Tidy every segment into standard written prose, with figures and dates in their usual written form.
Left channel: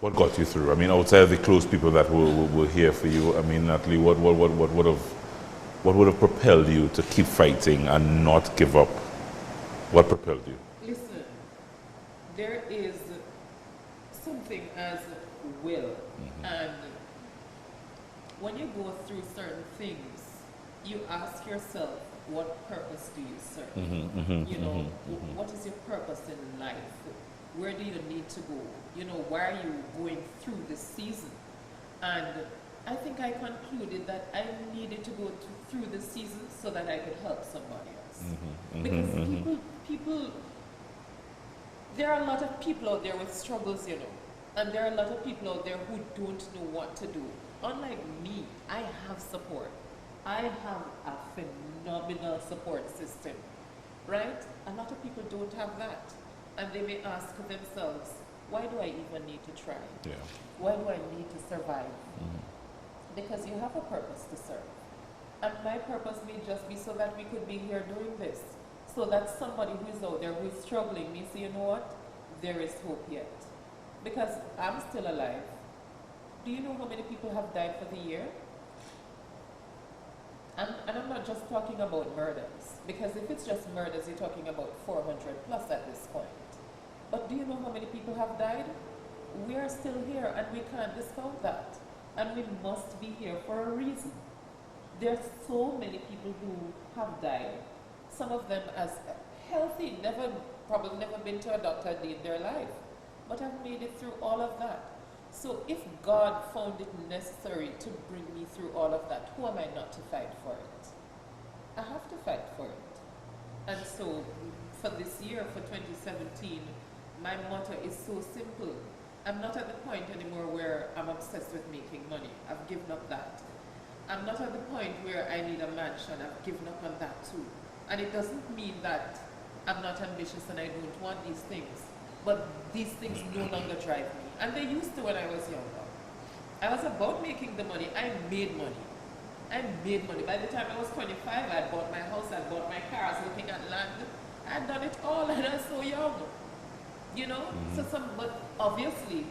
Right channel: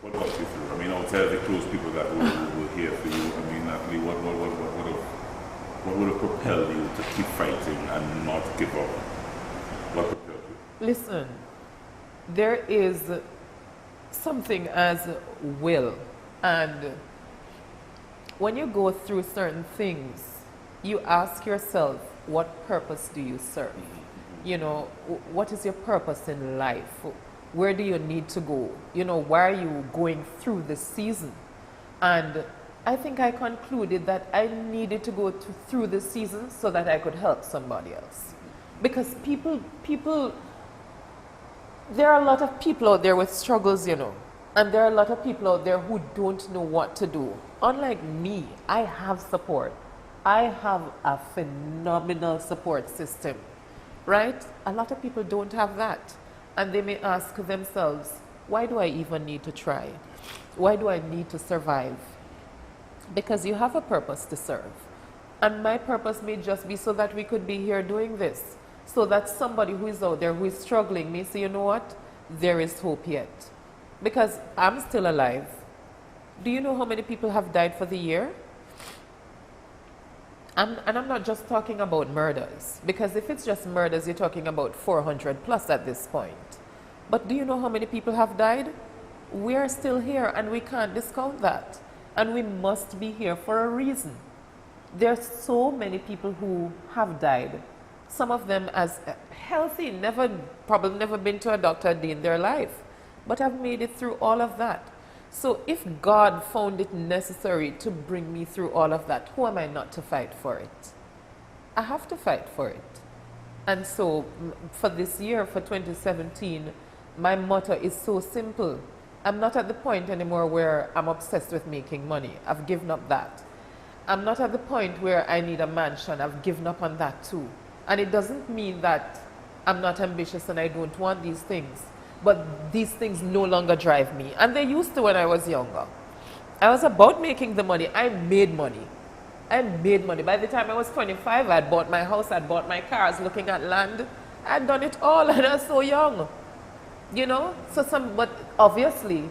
What got you through? I mean, outside of the close people that will hear for you, I mean, Natalie, what would have propelled you to keep fighting and not give up? What propelled you? Listen, there is something as will, and when you go through certain things, you ask yourself, what purpose do you serve? You know, what is your purpose in life? Where do you need to go? You know, why are you going through this season? And I think I concluded that I needed to go through this season so that I could help somebody else. Because people, there are a lot of people out there with struggles, you know, and there are a lot of people out there who don't know what to do. Unlike me, I have support. I have a phenomenal support system, right? A lot of people don't have that. And they may ask themselves, why do I even need to try? Yeah. Why do I need to survive? Because you have a purpose to serve. And my purpose may just be so that we could be here doing this. So that somebody who is out there who is struggling may say, you know what? There is hope yet. Because I'm still alive. Do you know how many people have died for the year? And I'm not just talking about murders, because if it's just murders, you're talking about 400 plus at this point. But do you know how many people have died? We are still here, and we can't discount that. And we must be here for a reason. There are so many people who have died, some of them as healthy, probably never been to a doctor a day in their life, but have made it through all of that. So if God found it necessary to bring me through all of that, who am I not to fight for it? I have to fight for it. And so for this year, for 2017, my motto is so simple. I'm not at the point anymore where I'm obsessed with making money. I've given up that. I'm not at the point where I need a mansion. I've given up on that too. And it doesn't mean that I'm not ambitious and I don't want these things. But these things no longer drive me. And they used to when I was younger. I was about making the money. I made money. I made money. By the time I was 25, I'd bought my house, I'd bought my car, I was looking at land. I'd done it all and I was so young. You know? But obviously,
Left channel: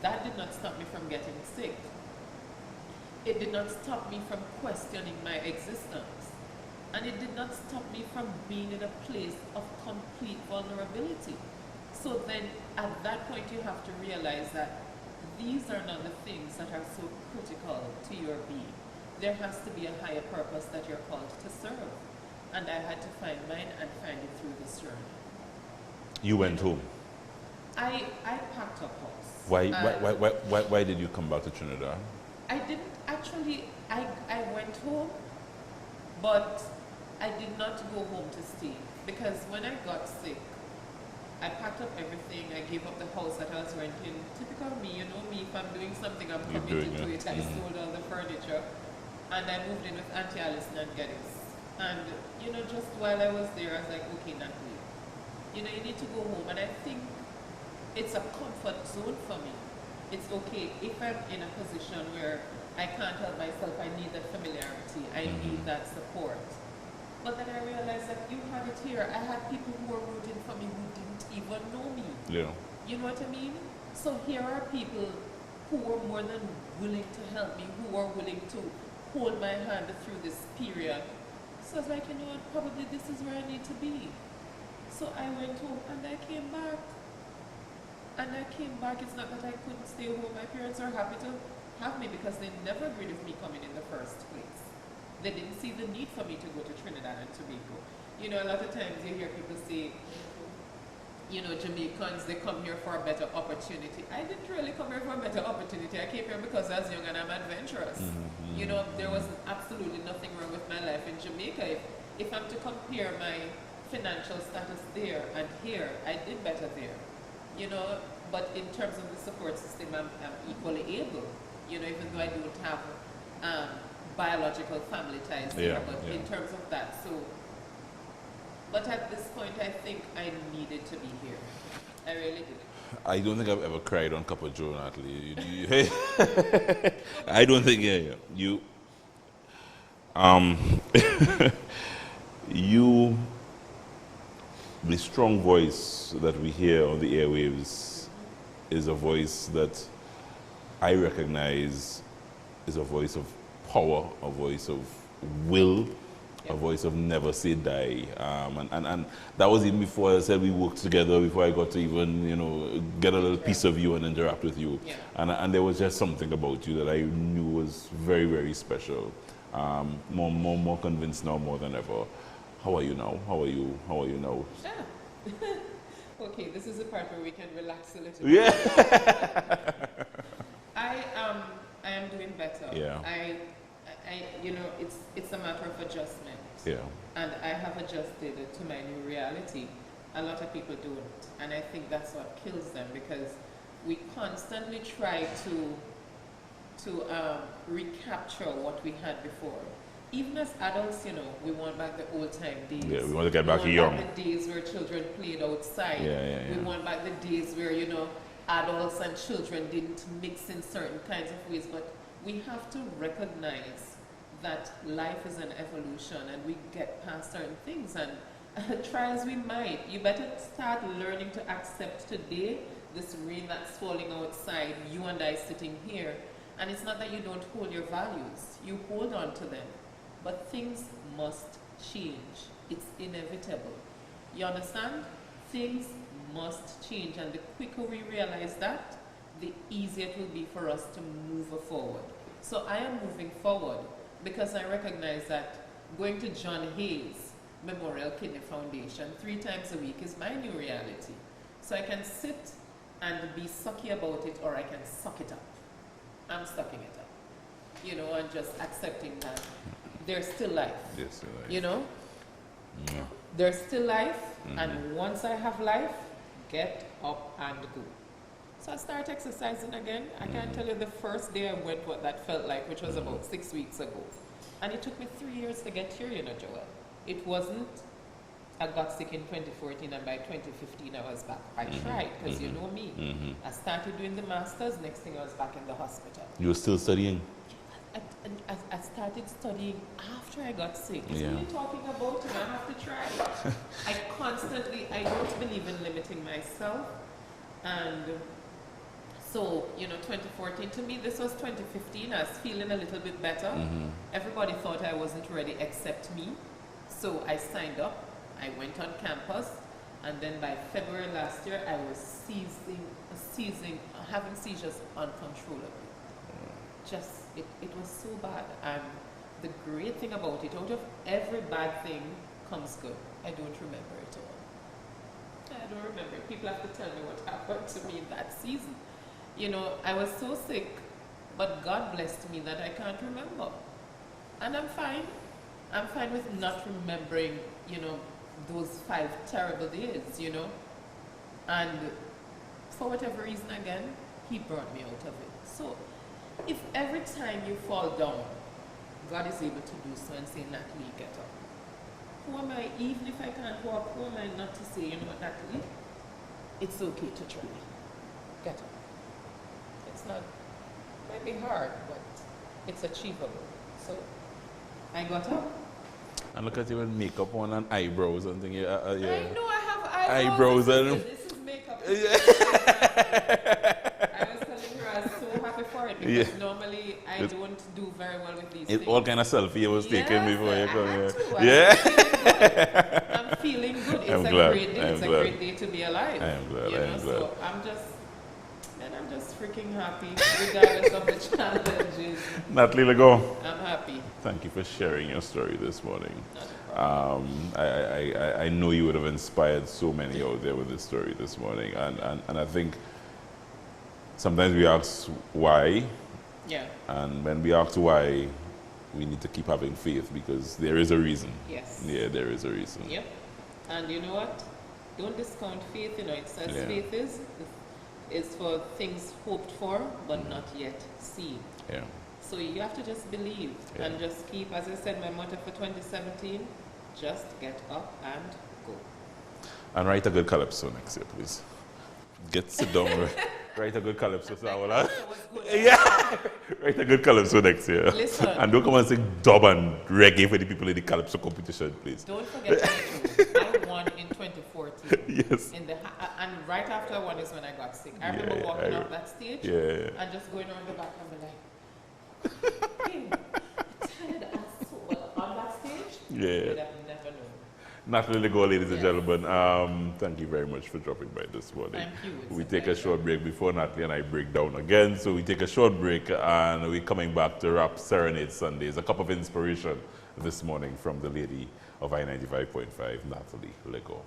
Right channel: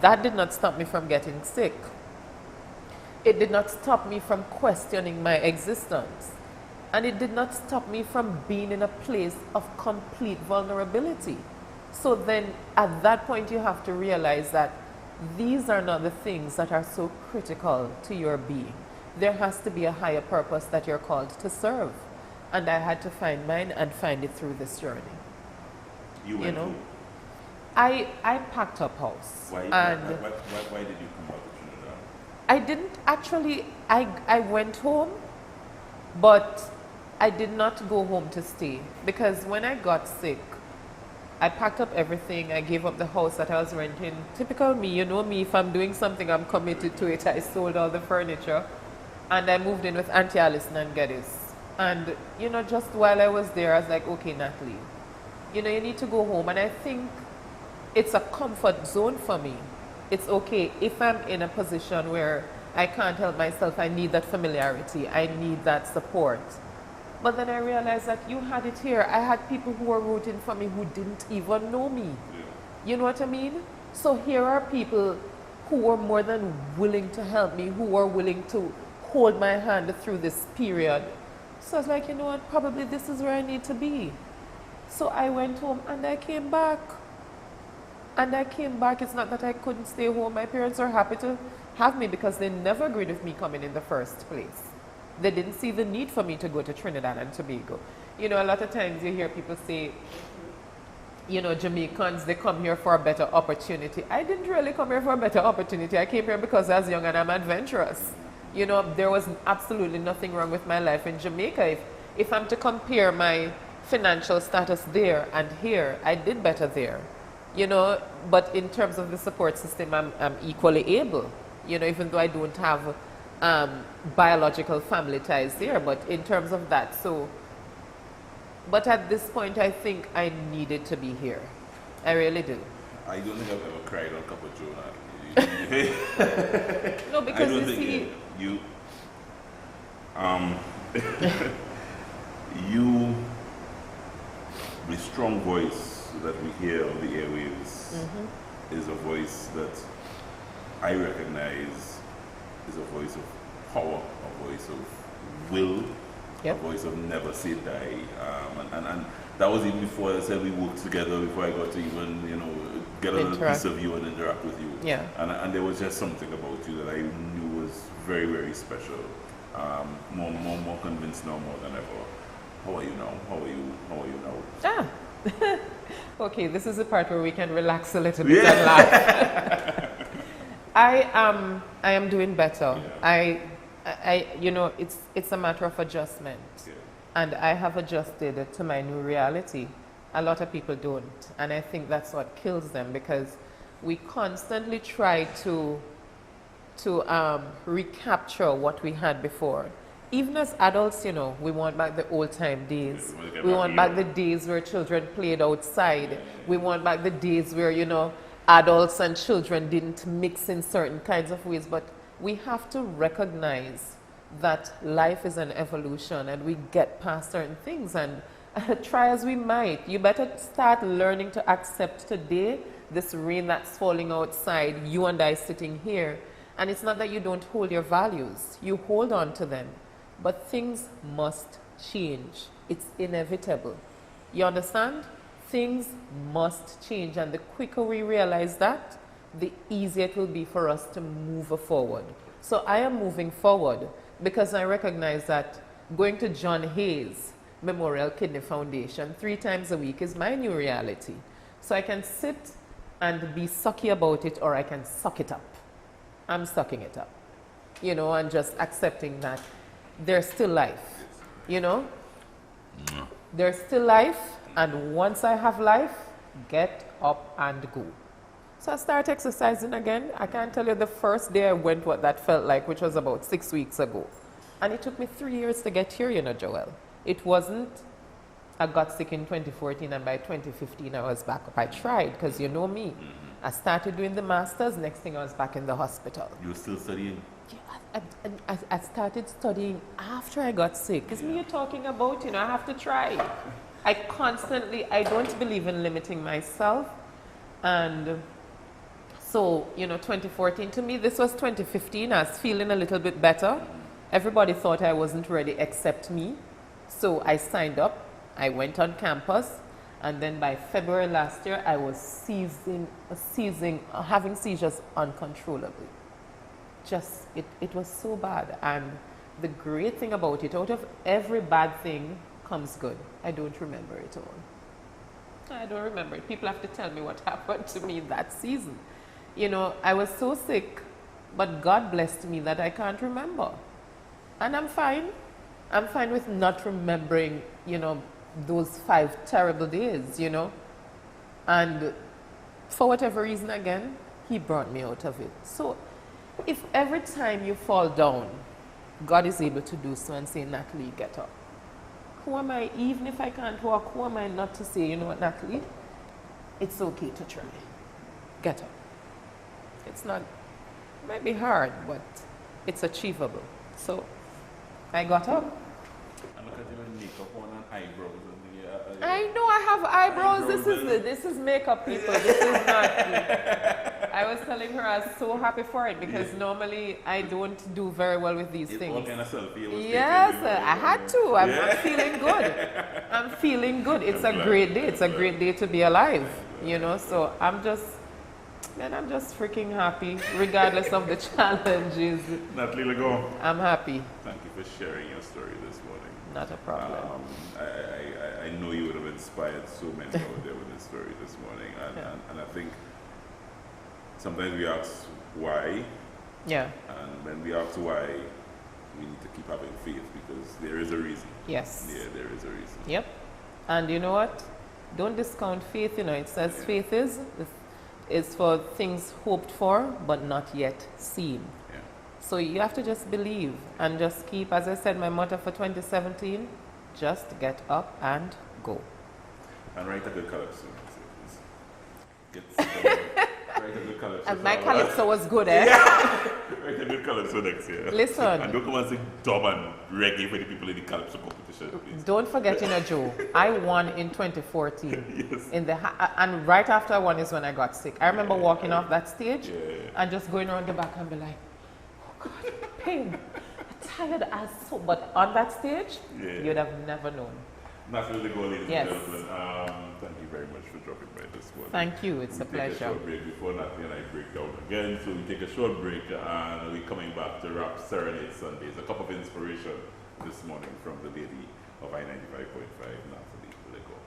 that did not stop me from getting sick. It did not stop me from questioning my existence. And it did not stop me from being in a place of complete vulnerability. So then at that point you have to realize that these are not the things that are so critical to your being. There has to be a higher purpose that you're called to serve. And I had to find mine and find it through this journey. You went home? I packed up house. Why did you come back to Trinidad? I didn't actually, I went home, but I did not go home to stay. Because when I got sick, I packed up everything. I gave up the house that I was renting. Typical me, you know me, if I'm doing something, I'm committed to it. I sold all the furniture. And I moved in with Auntie Alison and Geddes. And, you know, just while I was there, I was like, okay, Natalie, you know, you need to go home. And I think it's a comfort zone for me. It's okay if I'm in a position where I can't help myself, I need that familiarity, I need that support. But then I realized that you had it here. I had people who were rooting for me who didn't even know me. Yeah. You know what I mean? So here are people who were more than willing to help me, who were willing to hold my hand through this period. So I was like, you know what, probably this is where I need to be. So I went home and I came back. And I came back. It's not that I couldn't stay home. My parents were happy to have me because they never agreed with me coming in the first place. They didn't see the need for me to go to Trinidad and Tobago. You know, a lot of times you hear people say, you know, Jamaicans, they come here for a better opportunity. I didn't really come here for a better opportunity. I came here because I was young and I'm adventurous. You know, there was absolutely nothing wrong with my life in Jamaica. If I'm to compare my financial status there and here, I did better there. You know, but in terms of the support system, I'm equally able. You know, even though I don't have biological family ties there, but in terms of that, so. But at this point, I think I needed to be here. I really do. I don't think I've ever cried on Cup of Joe, Natalie. No, I don't think you. You, the strong voice that we hear on the airwaves is a voice that I recognize is a voice of power, a voice of will, Yep. a voice of never say die. And that was even before I said we worked together, before I got to even, you know, get a little piece of you and interact with you. Yeah. And there was just something about you that I knew was very, very special. More convinced now more than ever. How are you now? How are you now? Ah. Okay, this is the part where we can relax a little bit and laugh. I am doing better. Yeah. I you know, it's a matter of adjustment. Yeah. And I have adjusted to my new reality. A lot of people don't. And I think that's what kills them, because we constantly try to recapture what we had before. Even as adults, you know, we want back the old time days. Yeah, we want to get we back want young. back the days where children played outside. Yeah. We want back the days where, you know, adults and children didn't mix in certain kinds of ways. But we have to recognize that life is an evolution and we get past certain things, and try as we might, you better start learning to accept today this rain that's falling outside, you and I sitting here. And it's not that you don't hold your values, you hold on to them. But things must change. It's inevitable. You understand? Things must change, and the quicker we realize that, the easier it will be for us to move forward. So I am moving forward because I recognize that going to John Hayes Memorial Kidney Foundation 3 times a week is my new reality. So I can sit and be sucky about it, or I can suck it up. I'm sucking it up, you know, and just accepting that there's still life, you know? There's still life, and once I have life, get up and go. So I start exercising again. I can't tell you the first day I went what that felt like, which was about 6 weeks ago. And it took me 3 years to get here, you know, Joel. It wasn't, I got sick in 2014 and by 2015 I was back up. I tried, because you know me. I started doing the masters, next thing I was back in the hospital. You were still studying? I started studying after I got sick. Because when you're talking about, you know, I have to try. I don't believe in limiting myself. And so, you know, 2014, to me, this was 2015. I was feeling a little bit better. Everybody thought I wasn't ready except me. So I signed up. I went on campus. And then by February last year, I was having seizures uncontrollably. It was so bad. And the great thing about it, out of every bad thing comes good. I don't remember it all. I don't remember it. People have to tell me what happened to me that season. You know, I was so sick, but God blessed me that I can't remember. And I'm fine. I'm fine with not remembering, you know, those 5 terrible days, you know. And for whatever reason, again, He brought me out of it. So if every time you fall down, God is able to do so and say, Natalee, get up. Who am I, even if I can't walk, who am I not to say, you know what, Natalee, it's okay to try. Get up. It's not, it might be hard, but it's achievable. So I got up. And look at you with makeup on and eyebrows and things. I know I have eyebrows. This is makeup, people. This is not me. I was telling her I was so happy for it, because normally I don't do very well with these things. All kind of selfie was taken before. I had to. I'm feeling good. I'm feeling good. It's a great day. It's a great day to be alive. You know, so I'm just freaking happy, regardless of the challenges. Natalee Legore, I'm happy. thank you for sharing your story this morning. Not a problem. I know you would have inspired so many out there with this story this morning. And I think sometimes we ask why. Yeah. And when we ask why, we need to keep having faith, because there is a reason. Yes. Yeah, there is a reason. Yep. And you know what? Don't discount faith. You know, it says faith is for things hoped for but not yet seen. Yeah. So you have to just believe and just keep, as I said, my motto for 2017, just get up and go. And write a good calypso next year, please. Sit down. Write a good calypso. And my calypso was good, eh? Write a good calypso next year. Listen. And don't come and sing dub and reggae for the people in the calypso competition, please. Don't forget, Joe, I won in 2014. Yes. And right after I won is when I got sick. I remember walking off that stage and just going around the back and be like, oh God, pain. Tired as so. But on that stage, you'd have never known. Natalee Legore, ladies and gentlemen, thank you very much for dropping by this morning. Thank you. It's we a take pleasure. a short break before Natalee and I break down again. So we take a short break and we're coming back to wrap Serenade Sundays. A cup of inspiration this morning from the lady of I95.5, Natalee Legore.